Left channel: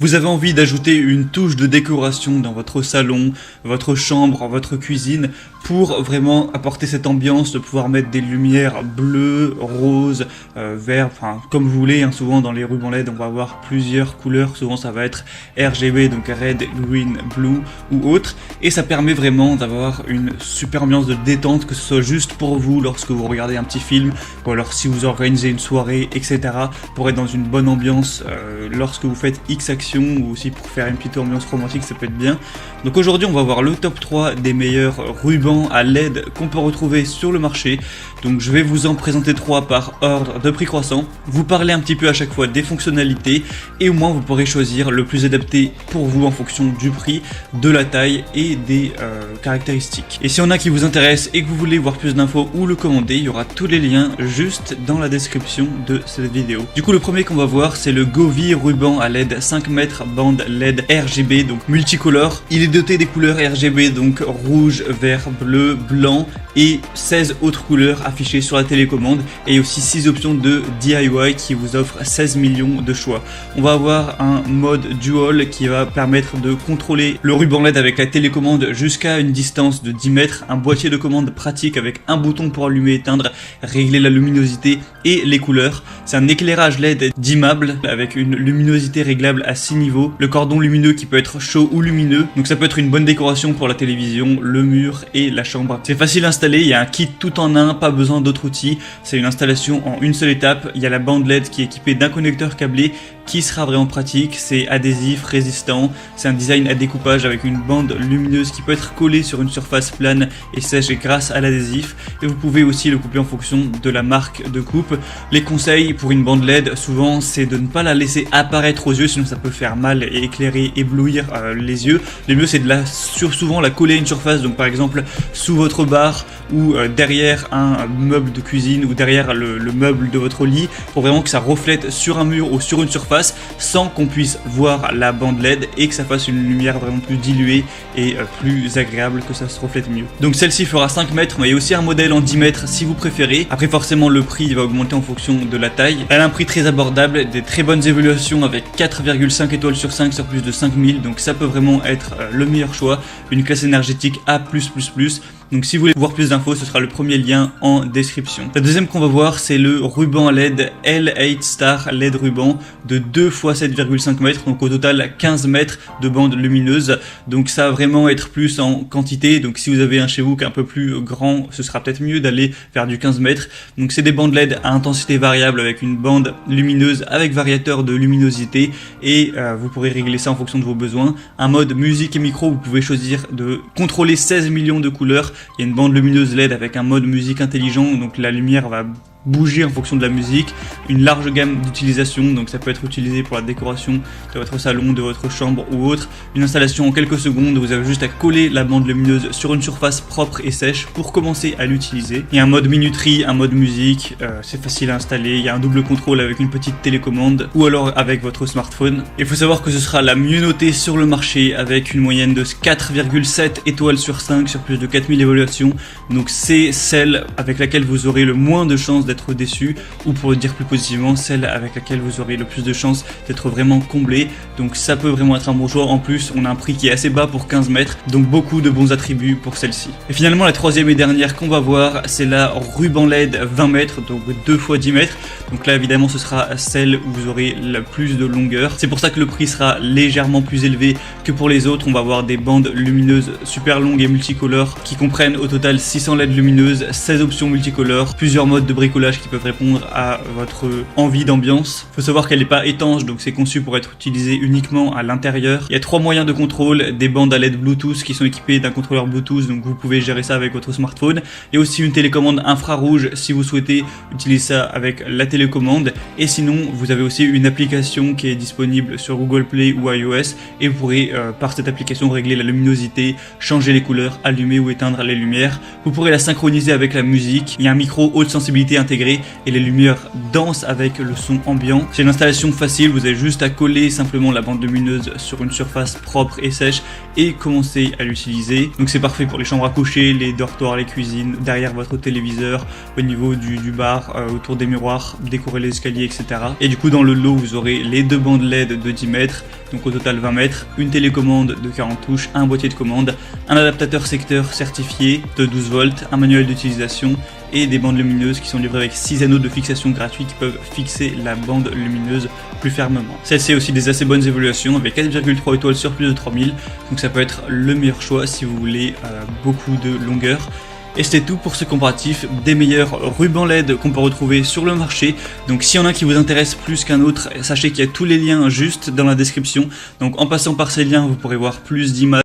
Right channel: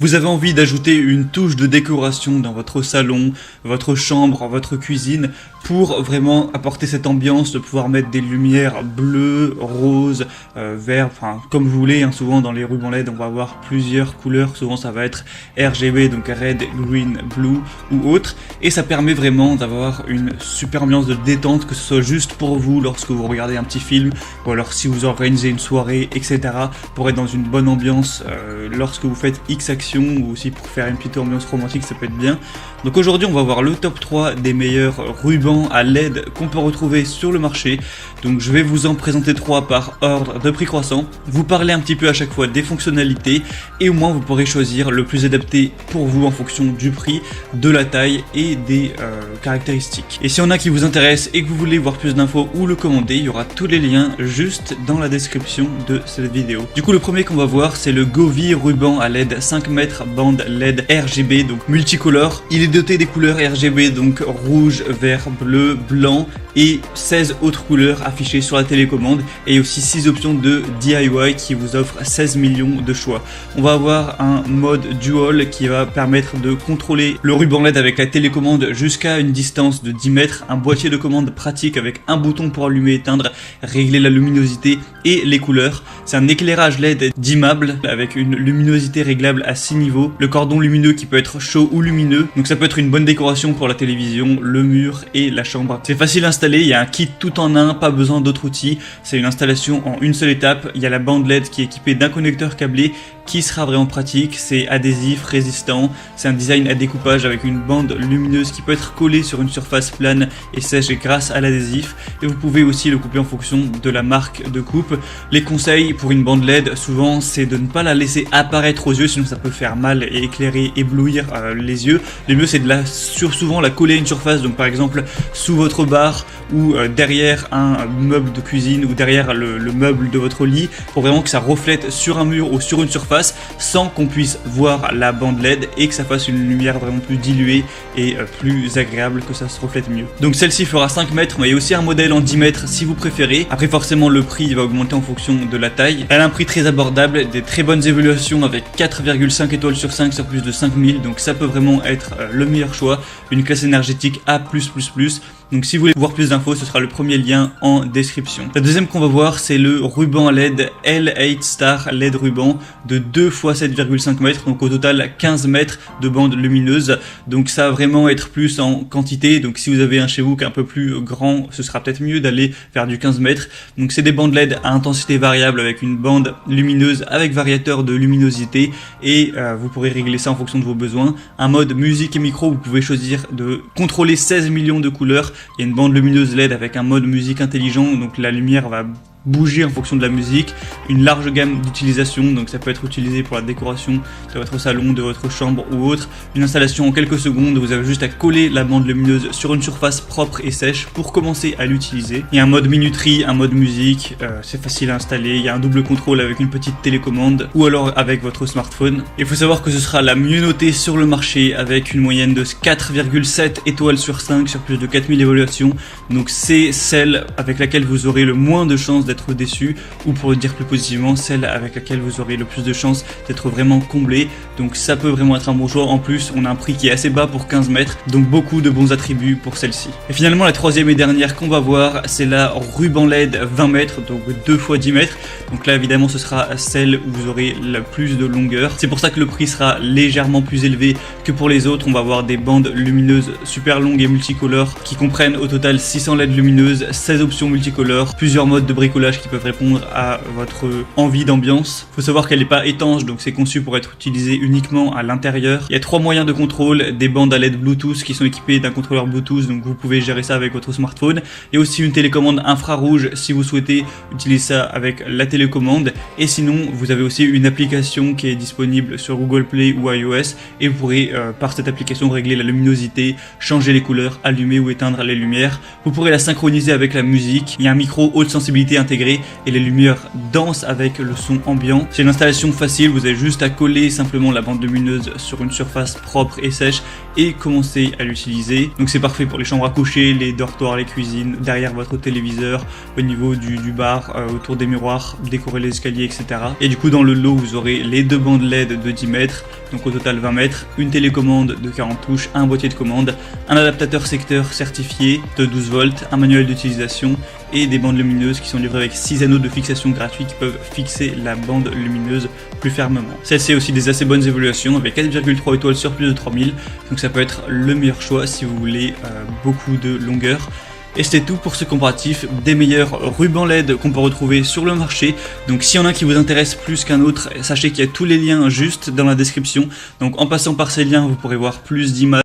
Vous avez envie d'ajouter une touche de décoration dans votre salon, votre chambre, votre cuisine, pour vraiment apporter cette ambiance, de pouvoir mettre des lumières bleues, roses, verts, enfin comme vous voulez, hein. Souvent dans les rubans LED on va avoir plusieurs couleurs, souvent ça va être RGB, donc Red, Green, Blue ou autre, et ça permet vraiment d'avoir une super ambiance de détente, que ce soit juste pour vous lorsque vous regardez un petit film, ou alors si vous organisez une soirée, etc., pour être dans une bonne ambiance, lorsque vous faites X actions, ou aussi pour faire une petite ambiance romantique, ça peut être bien. Donc aujourd'hui on va voir le top 3 des meilleurs rubans à LED qu'on peut retrouver sur le marché. Donc je vais vous en présenter 3 par ordre de prix croissant, vous parler un petit peu à chaque fois des fonctionnalités, et au moins vous pourrez choisir le plus adapté pour vous en fonction du prix, de la taille et des caractéristiques. Et si on a qui vous intéresse et que vous voulez voir plus d'infos ou le commander, il y aura tous les liens juste dans la description de cette vidéo. Du coup le premier qu'on va voir, c'est le Govee ruban à LED 5 mètres bande LED RGB, donc multicolore. Il est doté des couleurs RGB, donc rouge, vert, bleu, blanc et 16 autres couleurs affichées sur la télécommande, et aussi 6 options de DIY qui vous offrent 16 millions de choix. On va avoir un mode dual qui va permettre de contrôler le ruban LED avec la télécommande jusqu'à une distance de 10 mètres, un boîtier de commande pratique avec un bouton pour allumer et éteindre, régler la luminosité et les couleurs. C'est un éclairage LED dimmable avec une luminosité réglable à 6 niveaux, le cordon lumineux qui peut être chaud ou lumineux, donc ça peut être une bonne décoration pour la télévision, le mur et la chambre. C'est facile à installer, il y a un kit tout en un, pas besoin d'autres outils, c'est une installation en une seule étape. Il y a la bande LED qui est équipée d'un connecteur câblé qui sera vraiment pratique, c'est adhésif, résistant, c'est un design à découpage avec une bande lumineuse qui peut être collée sur une surface plane et sèche grâce à l'adhésif, et vous pouvez aussi le couper en fonction de la marque de coupe. Les conseils pour une bande LED, souvent, c'est de ne pas la laisser apparaître aux yeux, sinon ça peut faire mal et éclairer, éblouir les yeux. Le mieux c'est de souvent la coller à une surface, donc par exemple sous votre bar ou derrière un meuble de cuisine ou derrière le meuble de votre lit, pour vraiment que ça reflète sur un mur ou sur une surface sans qu'on puisse voir la bande LED, et que ça fasse une lumière vraiment plus diluée et plus agréable, que ça se reflète bien. Donc celle-ci fera 5 mètres, mais il y a aussi un modèle en 10 mètres si vous préférez. Après forcément le prix va augmenter en fonction de la taille. Elle a un prix très abordable, des très bonnes évaluations avec 4,5 étoiles sur 5 sur plus de 5000, donc ça peut vraiment être le meilleur choix. Une classe énergétique A+++. Donc si vous voulez voir plus d'infos, ce sera le premier lien en description. La deuxième qu'on va voir, c'est le ruban LED L8 Star LED ruban de 2 x 7,5 mètres, donc au total 15 mètres de bande lumineuse. Donc ça va vraiment être plus en quantité, donc si vous avez un chez vous qui est un peu plus grand, ce sera peut-être mieux d'aller faire du 15 mètres. Donc c'est des bandes LED à intensité variable avec une bande lumineuse avec variateur de luminosité, et vous pourrez régler ça en fonction de vos besoins. Un mode musique et micro, vous pouvez choisir de contrôler 16 millions de couleurs. Il y a une bande lumineuse LED avec un mode musique intelligent, donc la lumière va bouger en fonction de la musique, une large gamme d'utilisation, donc ça peut être utilisé pour la décoration de votre salon, de votre chambre ou autre. Une installation en quelques secondes, vous avez juste à coller la bande lumineuse sur une surface propre et sèche pour commencer à l'utiliser. Il y a un mode minuterie, un mode musique, c'est facile à installer, il y a un double contrôle avec une petite télécommande ou alors avec votre smartphone. Il faut savoir que ce sera la mieux notée sur le marché avec une moyenne de 4,7 étoiles sur 5 sur plus de 4000 évaluations, donc c'est celle avec laquelle vous aurez le moins de chances d'être déçu, ou pour le dire plus positivement, celle avec laquelle vous aurez le plus de chances d'être vraiment comblé. Donc ça peut vraiment être un bon choix. En plus on a un prix qui est assez bas pour 15 mètres, donc beaucoup de bons attributs pour celle-ci. Et finalement la troisième et dernière qu'on va voir, c'est la ruban LED 20 mètres, donc 2 x 10 mètres. Donc là évidemment ce sera celle où vous aurez la plus de longueur, c'est pour ça que le prix sera légèrement plus élevé que pour les autres. On va avoir des bandes lumineuses super longues et multicolores qui comprennent au total 600 LED lumineuses, 16 options multicolores, plusieurs modes de bricolage qui peuvent répondre à votre envie d'ambiance. Il faut savoir qu'elle n'est pas étanche, donc c'est conçu pour être utilisé uniquement à l'intérieur. Il y a 3 moyens de contrôle, des bandes à LED Bluetooth qui sont équipées d'un contrôleur Bluetooth, donc vous pouvez gérer ça avec votre smartphone, et aussi une télécommande infrarouge si vous souhaitez utiliser ça avec la télécommande. Et sinon vous avez aussi une application qui est disponible sur Google Play ou iOS, et vous pourrez par cette application régler la luminosité, changer les couleurs, allumer ou éteindre les lumières. Vous pourrez la synchroniser avec la musique. Il y a un micro haute sensibilité intégré et les lumières dansent avec le son ambiant. C'est une installation facile, vous avez juste à coller simplement la bande lumineuse sur une surface propre et sèche et commencez à l'utiliser. Donc c'est parfait pour les chambres à coucher, les dortoirs, les cuisines, derrière votre téléviseur, au niveau du bar, autour des miroirs, décorer les escaliers, etc. Et du coup dans le lot vous aurez les 2 bandes LED de 10 mètres, donc au total 20 mètres, une télécommande de 40 touches, un boîtier de commande, un adaptateur secteur certifié de 12 volts, un manuel d'utilisation et des bandes lumineuses qui sont livrées avec 6 anneaux de fixation gratuite qui peuvent fixer la bande lumineuse plus fermement. Celle-ci a aussi des assez bonnes évaluations avec 4,3 étoiles sur plus de 3000, donc ça peut être le meilleur choix si vous voulez beaucoup de longueur. Et c'était tout pour ce comparatif des meilleurs rubans LED qu'on peut retrouver sur le marché. Donc s'il y en a qui vous intéresse plus qu'un autre, sachez qu'il y a tous les liens juste dans la description. Donc en passant par ces liens, vous pourrez voir plus d'images